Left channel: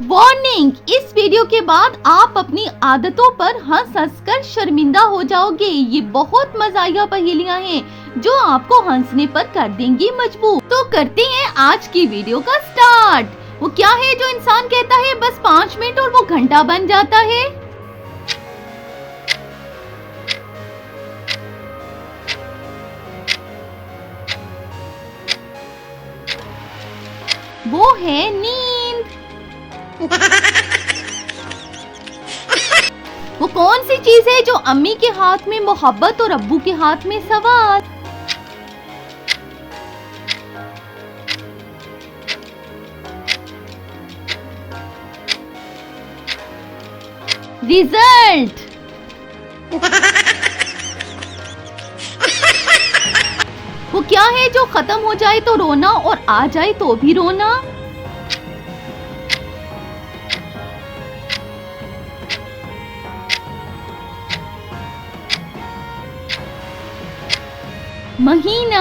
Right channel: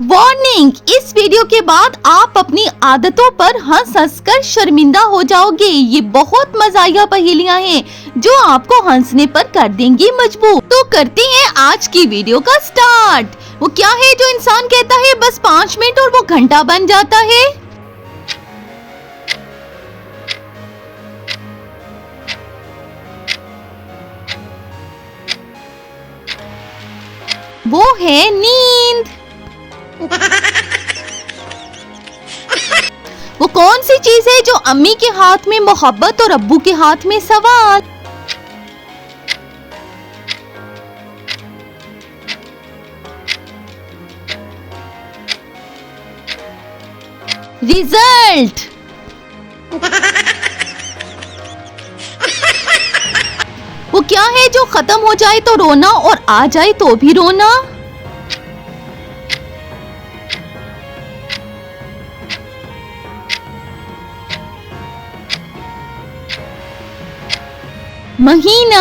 Warning, इस video के बाद आप अपनी आदतों पर हंस कर शर्मिंदा हो जाओगे। ये बहुत मजाया पहेलियां हैं जो आपको हंसने पर कर देंगी मजबूर। तो करते हैं आज की वीडियो का स्टार्ट। वो क्या है जो इंसान कहता है बस 5 मिनट और वो घंटा बन जाता है? वो है नींद। वो कौन सी चीज है जो अम्मी के हाथ में मोहब्बत और अब्बू के हाथ में सवाल? रिजल्ट। वो क्या है जो खत्म हो जाए तो रोना और आ जाए तो भी रोना? महीना।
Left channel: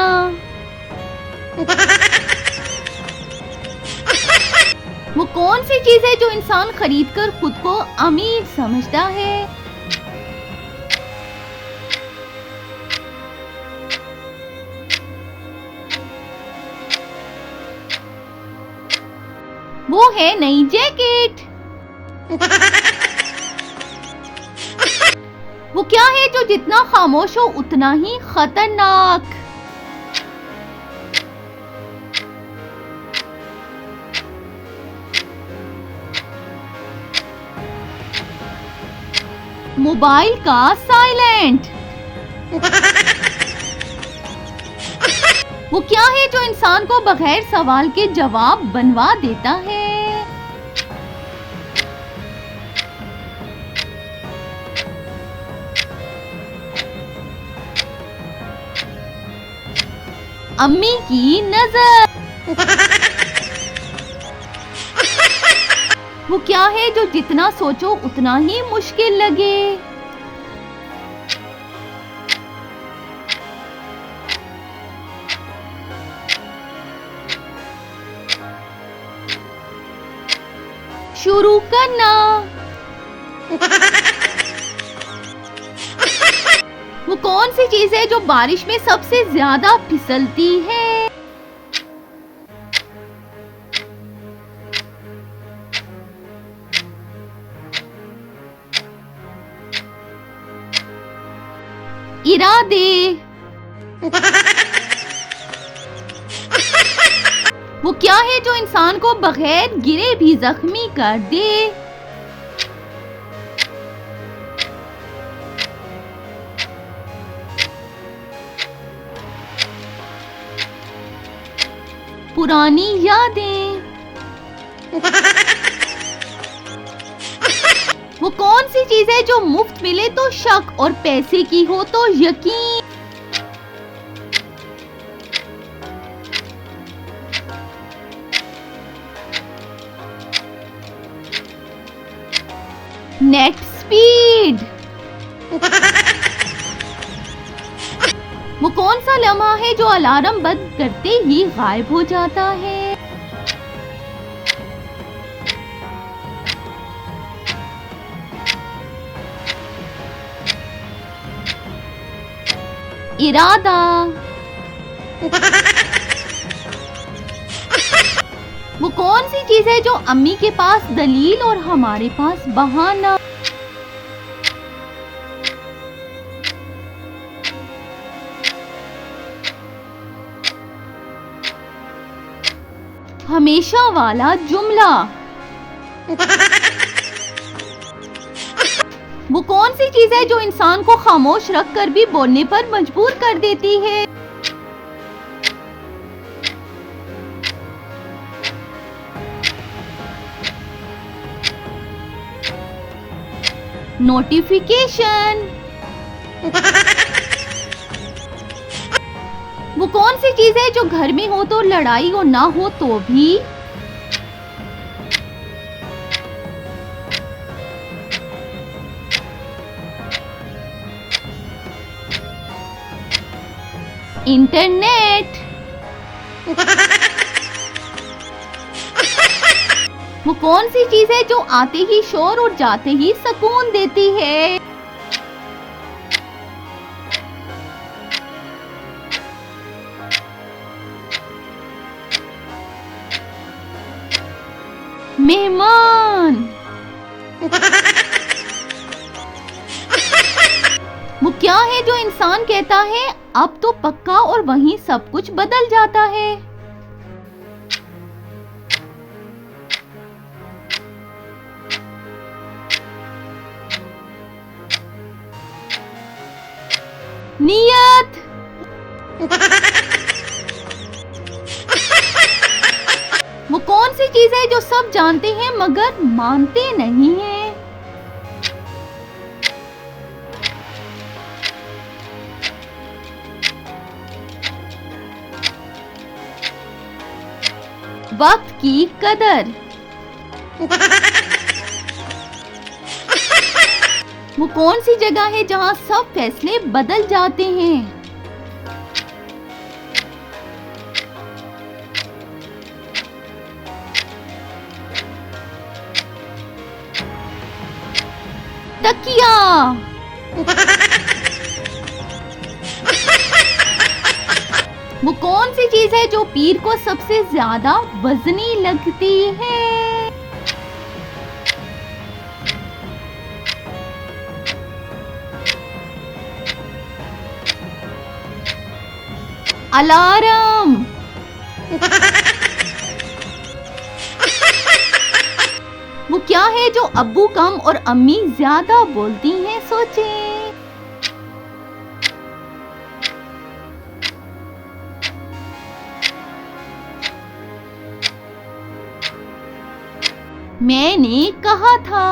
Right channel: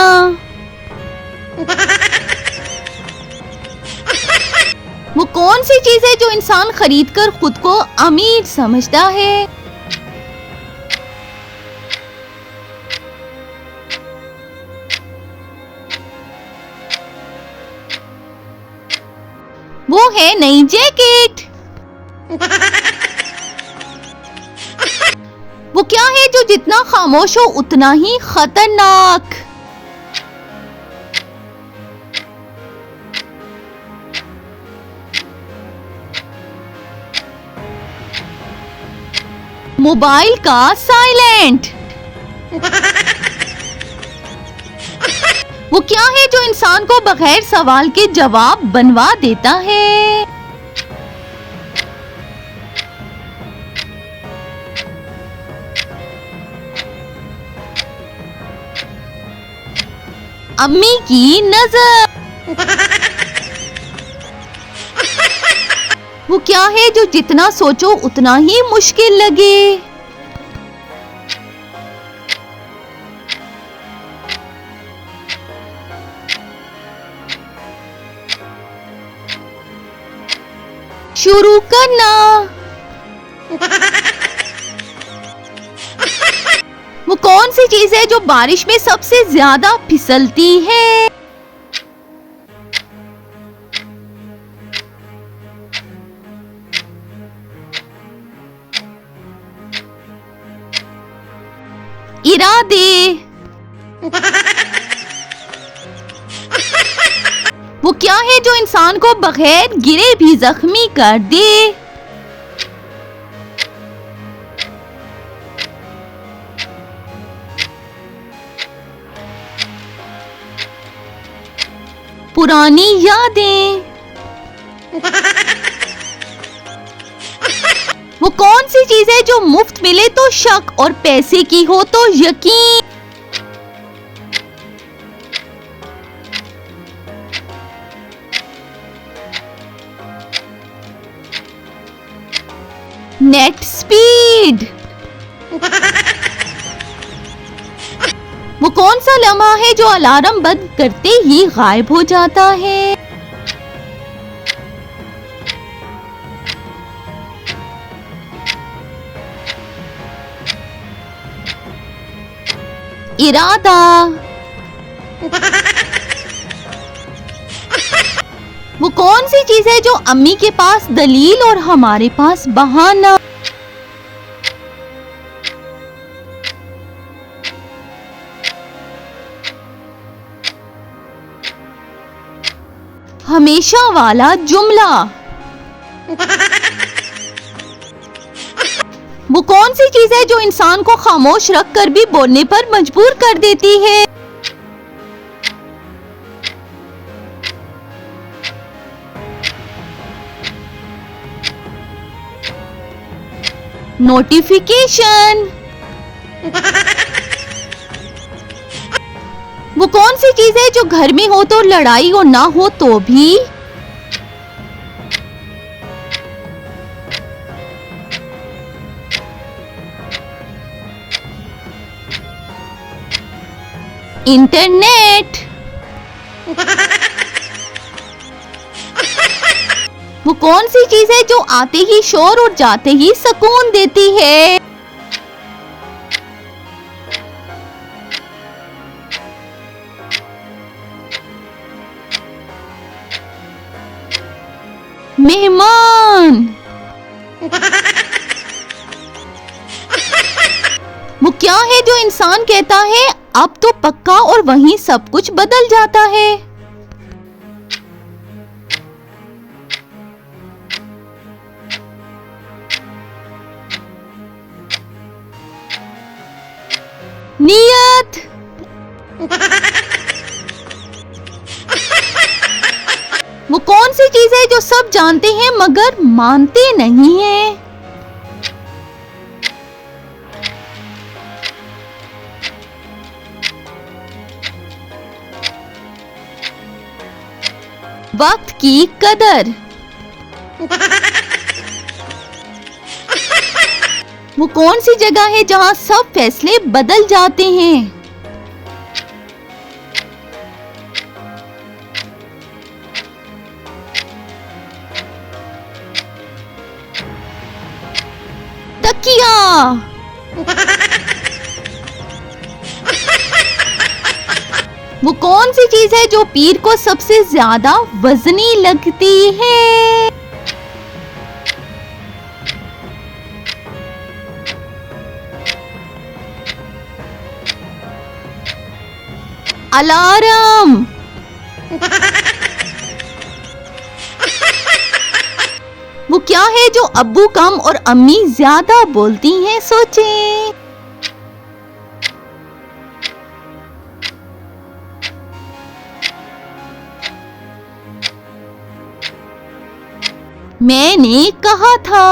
वो कौन सी चीज है जो इंसान खरीद कर खुद को अमीर समझता है? वो है नई जैकेट। वो क्या है जो जितना खामोश हो उतना ही खतरनाक? मोबाइल का साइलेंट। वो क्या है जो इंसान को बगैर सवाल के जवाब बनवा देता है? अम्मी की नजर। वो क्या है जो जितना सोचो उतना ही मुश्किल लगे? शुरू करना। वो कौन सी चीज है जो बारिश में सबसे ज्यादा फिसलती है? इरादे। वो क्या है जो इंसान को बगैर गिरे भी जख्मी कर दे? पुरानी यादें। वो कौन सी चीज है जो मुफ्त मिले तो शक और पैसे की हो तो यकीन? Net speed. वो कौन सा लम्हा है जो अलार्म बंद करते ही गायब हो जाता है? इरादा। वो कौन सी चीज है जो अम्मी के पास दलील और हमारे पास बहाना? हमेशा वाला जुमला। वो कौन सी चीज है जो इंसान को खामोश रख कर भी बोलने पर मजबूर कर देती है? नोटिफिकेशन। वो कौन सी चीज है जो घर में हो तो लड़ाई और ना हो तो भी? इंटरनेट। वो कौन सी चीज है जो आते ही शोर और जाते ही सुकून देती है? मेहमान। वो क्या है जो इंसान कहता है अब तो पक्का और वहीं सब कुछ बदल जाता है? नियत। वो कौन सी चीज है जो सब जानते हैं मगर मानते नहीं हैं? वक्त की कदर। वो कौन सी जगह है जहां सब फैसले बदल जाते हैं? तकिया। वो कौन सी चीज है जो पीर को सबसे ज्यादा वजनी लगती है? अलार्म। वो क्या है जो अब्बू कम और अम्मी ज्यादा बोलती हैं? सोचें। मैंने कहा था।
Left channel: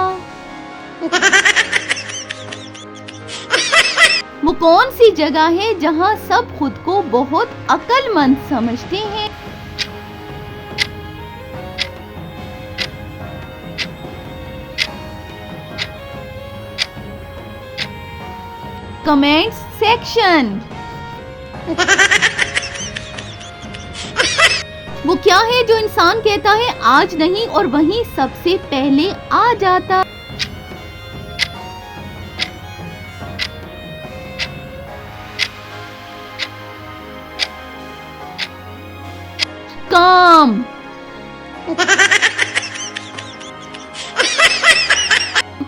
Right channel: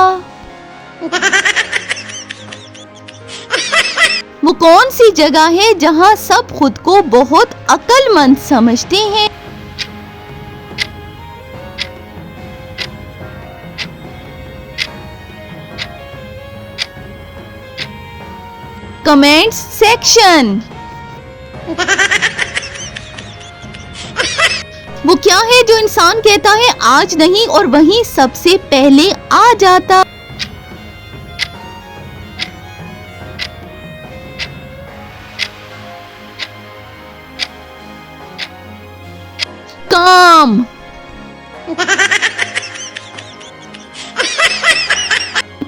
वो कौन सी जगह है जहां सब खुद को बहुत अक्लमंद समझते हैं? Comment section. वो क्या है जो इंसान कहता है आज नहीं और वहीं सबसे पहले आ जाता? काम।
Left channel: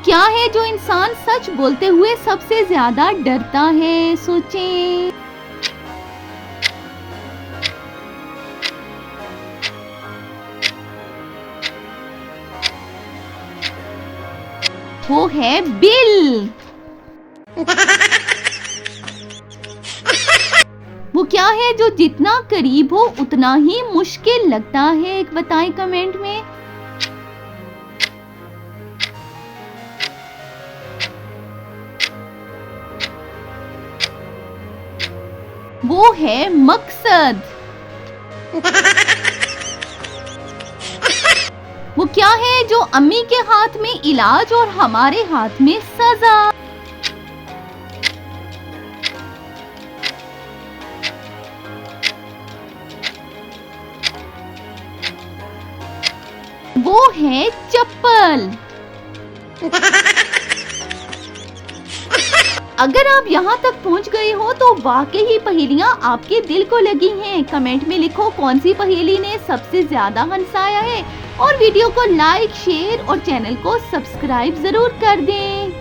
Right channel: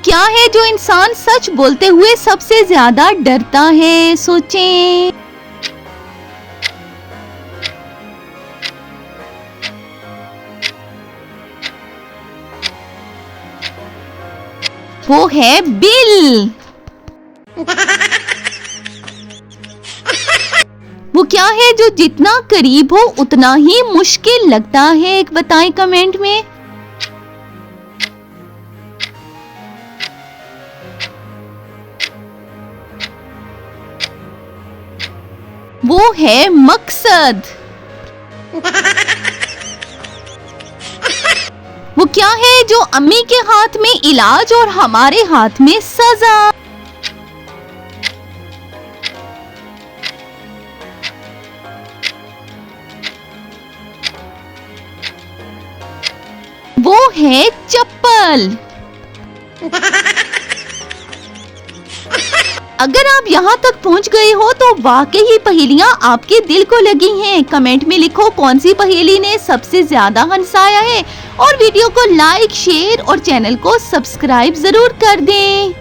क्या है जो इंसान सच बोलते हुए सबसे ज्यादा डरता है? सोचें। वो है बिल। वो क्या है जो जितना करीब हो उतना ही मुश्किल लगता है? एक बताएं कमेंट में। वो है मकसद। वो क्या है जो अम्मी के हाथ में इलाज और हमारे हाथ में सजा? वो है चप्पल। अगर आप यहाँ तक पहुँच गए हो तो वाकई ये पहेलियाँ आपके दिल को लगी हैं। कमेंट में लिखो कौन सी पहेली ने सबसे ज्यादा हंसाया है और वीडियो को लाइक, शेयर और चैनल को सब्सक्राइब जरूर कर दें।